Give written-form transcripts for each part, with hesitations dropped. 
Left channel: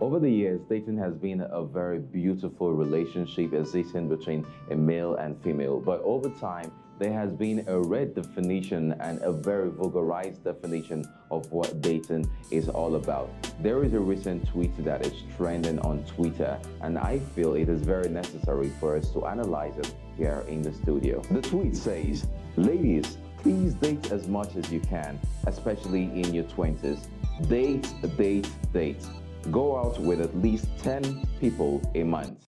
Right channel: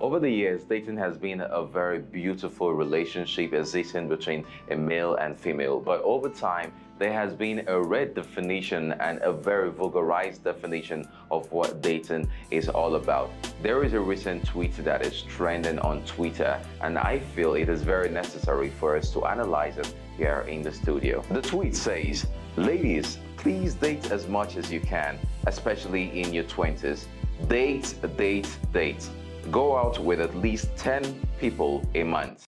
Over the years, dating has been a very beautiful relationship existing between a male and female. But over time, there has been a redefinition and a very vulgarized definition of what dating is all about. There is a recent tweet that is trending on Twitter, and I feel it is very necessary for us to analyze it here in the studio. The tweet says, "Ladies, please date as much as you can, especially in your 20s. Date, date, date. Go out with at least 10 people a month."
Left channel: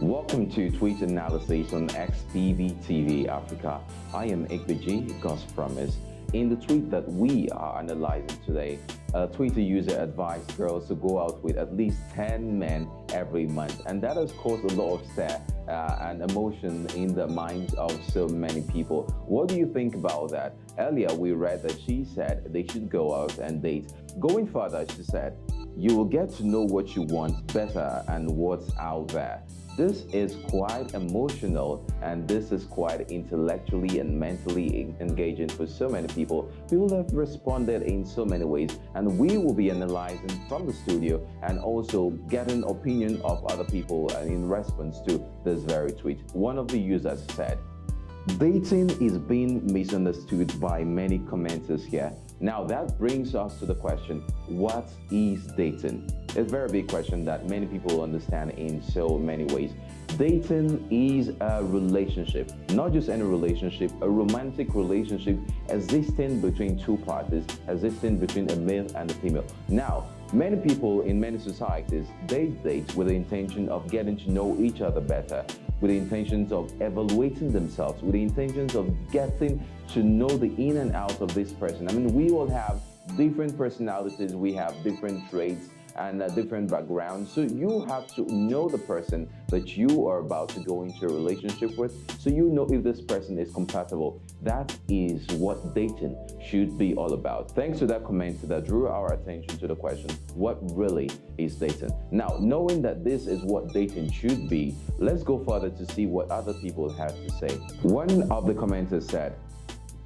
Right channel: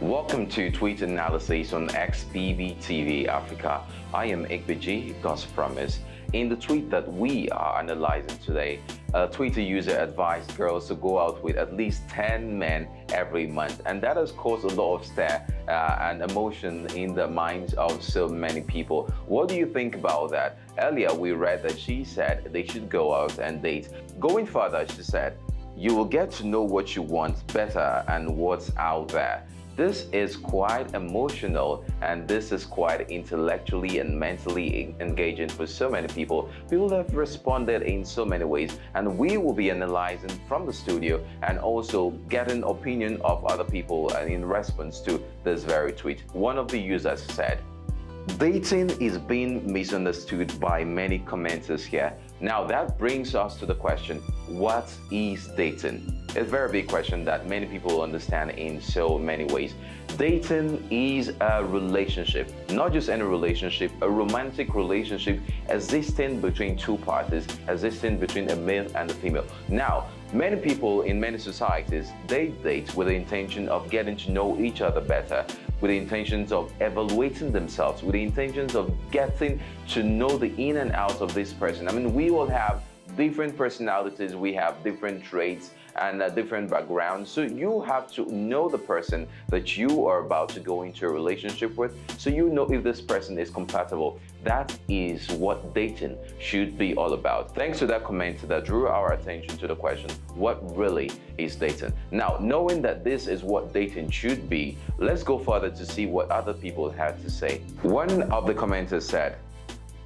Welcome to Tweet Analysis on XBB TV Africa. I am Ikbeji, God's Promise. In the tweet that we are analyzing today, a Twitter user advised girls to go out with at least 10 men every month. And that has caused a lot of stir and emotion in the minds of so many people. What do you think about that? Earlier, we read that she said they should go out and date. Going further, she said, "You will get to know what you want better and what's out there." This is quite emotional, and this is quite intellectually and mentally engaging for so many people. People have responded in so many ways, and we will be analyzing from the studio and also getting opinion of other people in response to this very tweet. One of the users said, "Dating is being misunderstood by many commenters here." Now that brings us to the question, what is dating? It's a very big question that many people understand in so many ways. Dating is a relationship, not just any relationship, a romantic relationship existing between two parties, existing between a male and a female. Now, many people in many societies, they date with the intention of getting to know each other better, with the intentions of evaluating themselves, with the intentions of getting to know the in and out of this person. I mean, we all have different personalities, we have different traits and different backgrounds. So you have to know the person that you are about to go into a relationship with, so you know if this person is compatible. That is what dating should be all about. Thanks to that comment that drew our attention to the question, what really is dating? Now, knowing that this is what dating should be, let's go further to see what other people had to say. One of the commenters said,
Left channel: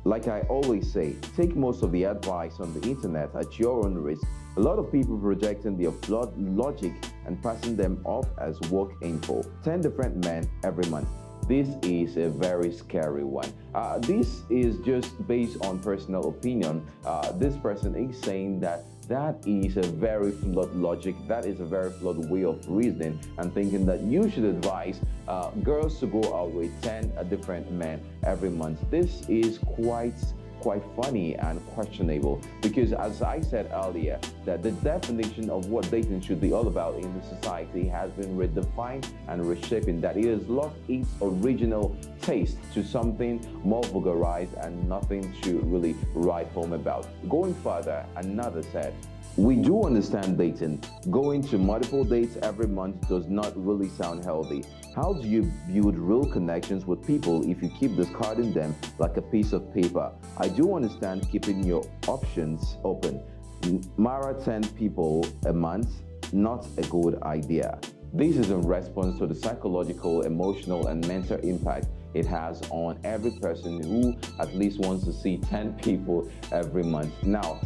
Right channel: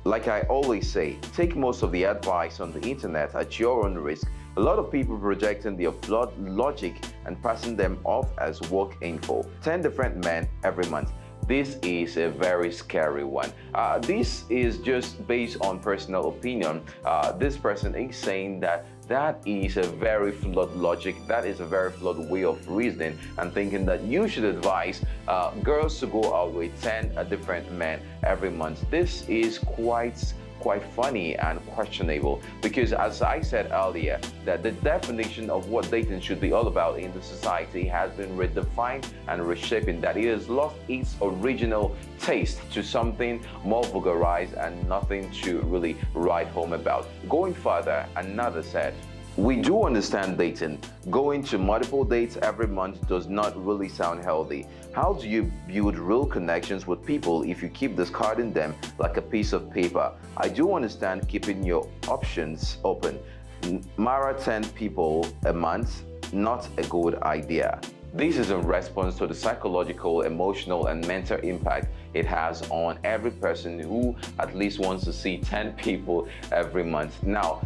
"Like I always say, take most of the advice on the internet at your own risk. A lot of people projecting their flawed logic and passing them off as work info. 10 different men every month. This is a very scary one." This is just based on personal opinion. This person is saying that is a very flawed logic, that is a very flawed way of reasoning, and thinking that you should advise girls to go out with 10 different men every month. This is quite funny and questionable, because as I said earlier, that the definition of what dating should be all about in the society has been redefined and reshaping, that it has lost its original taste to something more vulgarized and nothing to really write home about. Going further, another said, "We do understand dating. Going to multiple dates every month does not really sound healthy. How do you build real connections with people if you keep discarding them like a piece of paper? I do understand keeping your options open. Mara 10 people a month, not a good idea." This is in response to the psychological, emotional, and mental impact it has on every person who at least wants to see 10 people every month. Now,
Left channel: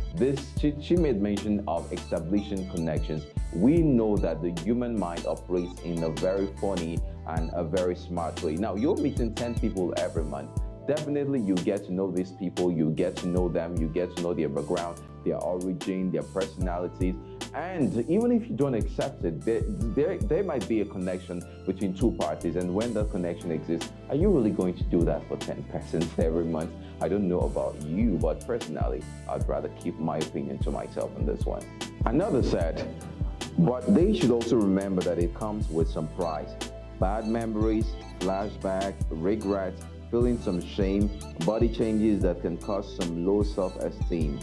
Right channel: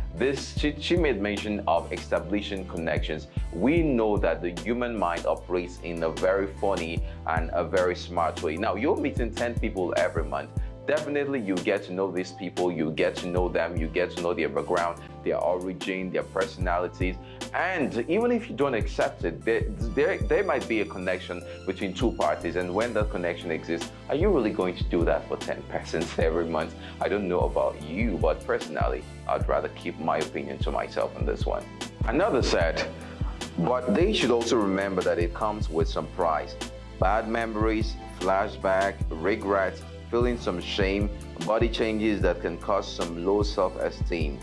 she made mention of establishing connections. We know that the human mind operates in a very funny and a very smart way. Now, you're meeting 10 people every month. Definitely, you get to know these people, you get to know them, you get to know their background, their origin, their personalities, and even if you don't accept it, there might be a connection between two parties, and when that connection exists, are you really going to do that for 10 persons every month? I don't know about you, but personally, I'd rather keep my opinion to myself on this one. Another said, "But they should also remember that it comes with some price. Bad memories, flashback, regret, feeling some shame, body changes that can cause some low self-esteem."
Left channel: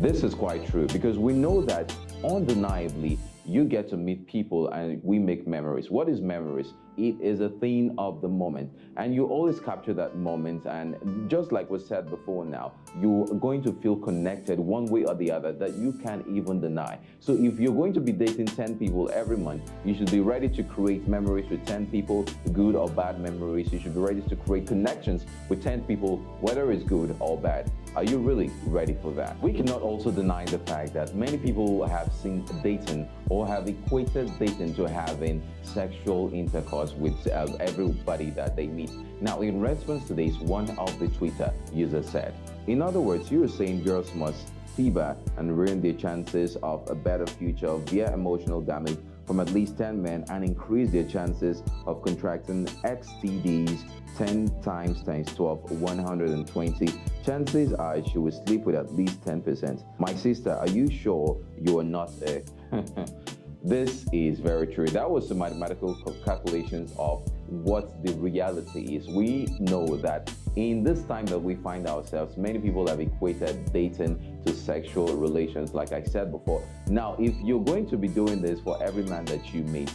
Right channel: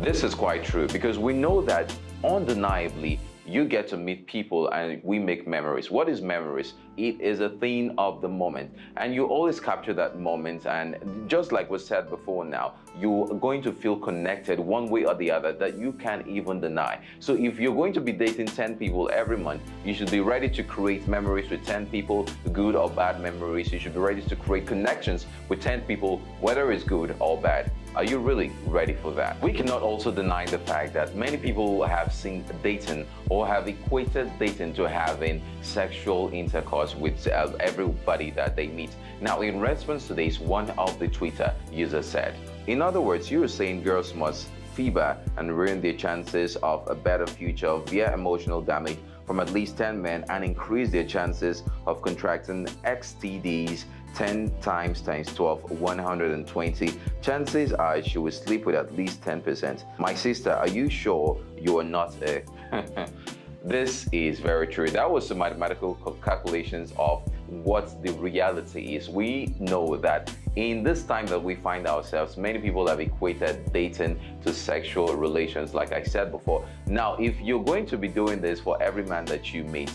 This is quite true, because we know that undeniably you get to meet people and we make memories. What is memories? It is a thing of the moment, and you always capture that moment, and just like was said before now, you're going to feel connected one way or the other that you can't even deny. So if you're going to be dating 10 people every month, you should be ready to create memories with 10 people, good or bad memories. You should be ready to create connections with 10 people, whether it's good or bad. Are you really ready for that? We cannot also deny the fact that many people have seen dating or have equated dating to having sexual intercourse with everybody that they meet. Now, in response to this, one of the Twitter users said, in other words, you are saying girls must fever and ruin their chances of a better future via emotional damage from at least 10 men and increase their chances of contracting STDs 10 times 12, 120. Chances are she will sleep with at least 10%. My sister, are you sure you are not a... This is very true. That was some mathematical calculations of what the reality is. We know that in this time that we find ourselves, many people have equated dating to sexual relations, like I said before. Now, if you're going to be doing this for every man that you meet,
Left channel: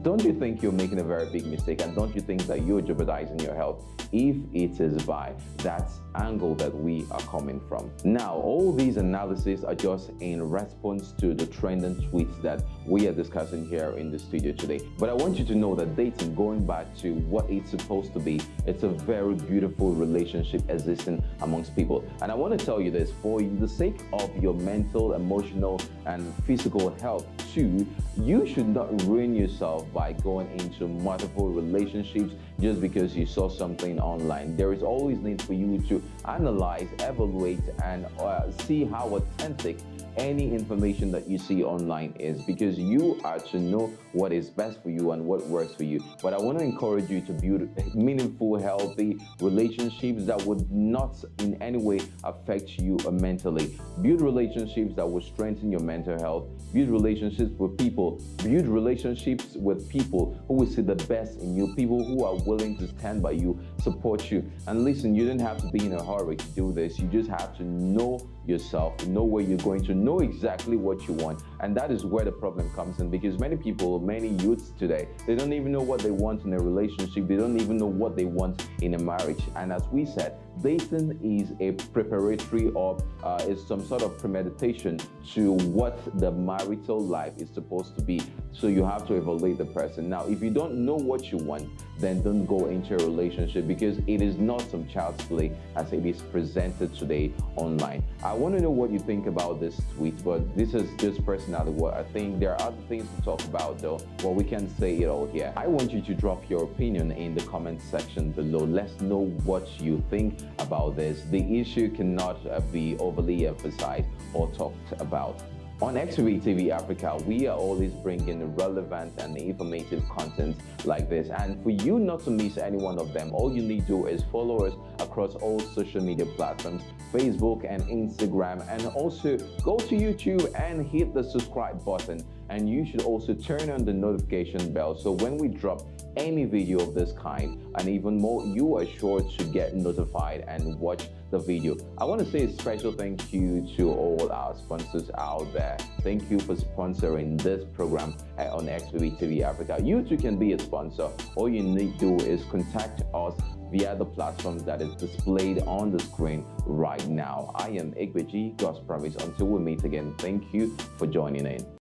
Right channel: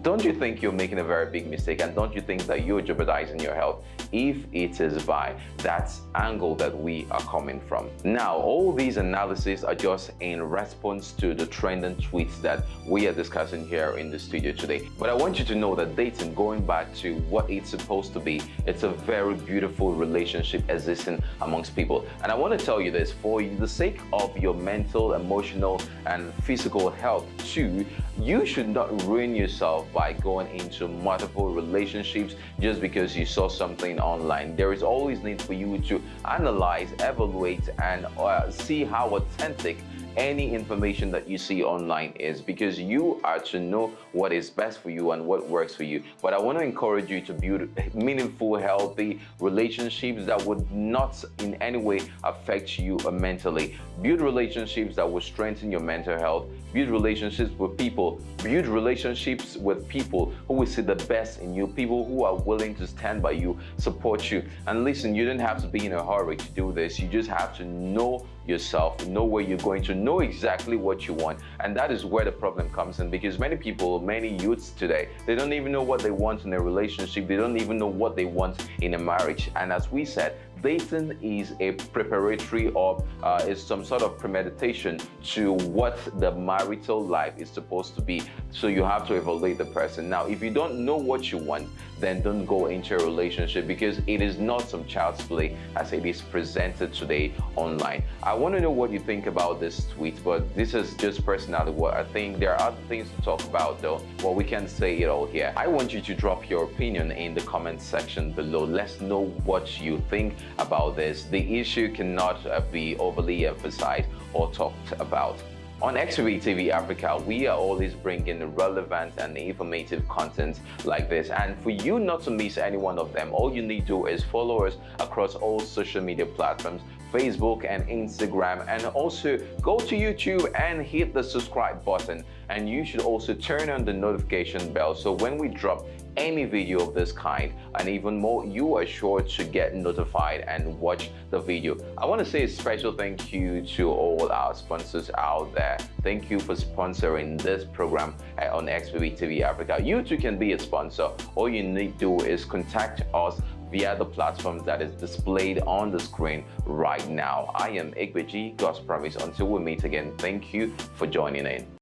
don't you think you're making a very big mistake? And don't you think that you're jeopardizing your health if it is by that angle that we are coming from? Now, all these analyses are just in response to the trending tweets that we are discussing here in the studio today. But I want you to know that dating, going back to what it's supposed to be, it's a very beautiful relationship existing amongst people. And I want to tell you this, for the sake of your mental, emotional, and physical health too, you should not ruin yourself by going into multiple relationships just because you saw something online. There is always need for you to analyze, evaluate, and see how authentic any information that you see online is, because you are to know what is best for you and what works for you. But I want to encourage you to build meaningful, healthy relationships that would not in any way affect you mentally. Build relationships that will strengthen your mental health. Build relationships with people. Build relationships with people who will see the best in you, people who are willing to stand by you, support you. And listen, you don't have to be in a hurry to do this. You just have to know yourself, know where you're going to, know exactly what you want. And that is where the problem comes in, because many people, many youths today, they don't even know what they want in a relationship. They don't even know what they want in a marriage. And as we said, dating is a preparatory or is some sort of premeditation to what the marital life is supposed to be. So you have to evaluate the person. Now, if you don't know what you want, then don't go into a relationship, because it is not some child's play as it is presented today online. I want to know what you think about this tweet, but this is just personally what I think. There are other things to talk about though, but we can't say it all here. I want you to drop your opinion in the comment section below. Let's know what you think about this. The issue cannot be overly emphasized or talked about. On XBV TV Africa, we are always bringing relevant and informative content like this. And for you not to miss any one of them, all you need to do is follow us across all social media platforms, Facebook and Instagram, and also go to YouTube and hit the subscribe button. And you should also turn on the notification bell, so when we drop any video of this kind and even more, you are sure to get notified and watch the video. I want to say a special thank you to all our sponsors out there. Thank you for sponsoring this program on XBV TV Africa. You too can be a sponsor. All you need to do is contact us via the platform that is displayed on the screen right now. I am Igbeji, God's Promise. Until we meet again, thank you for joining in.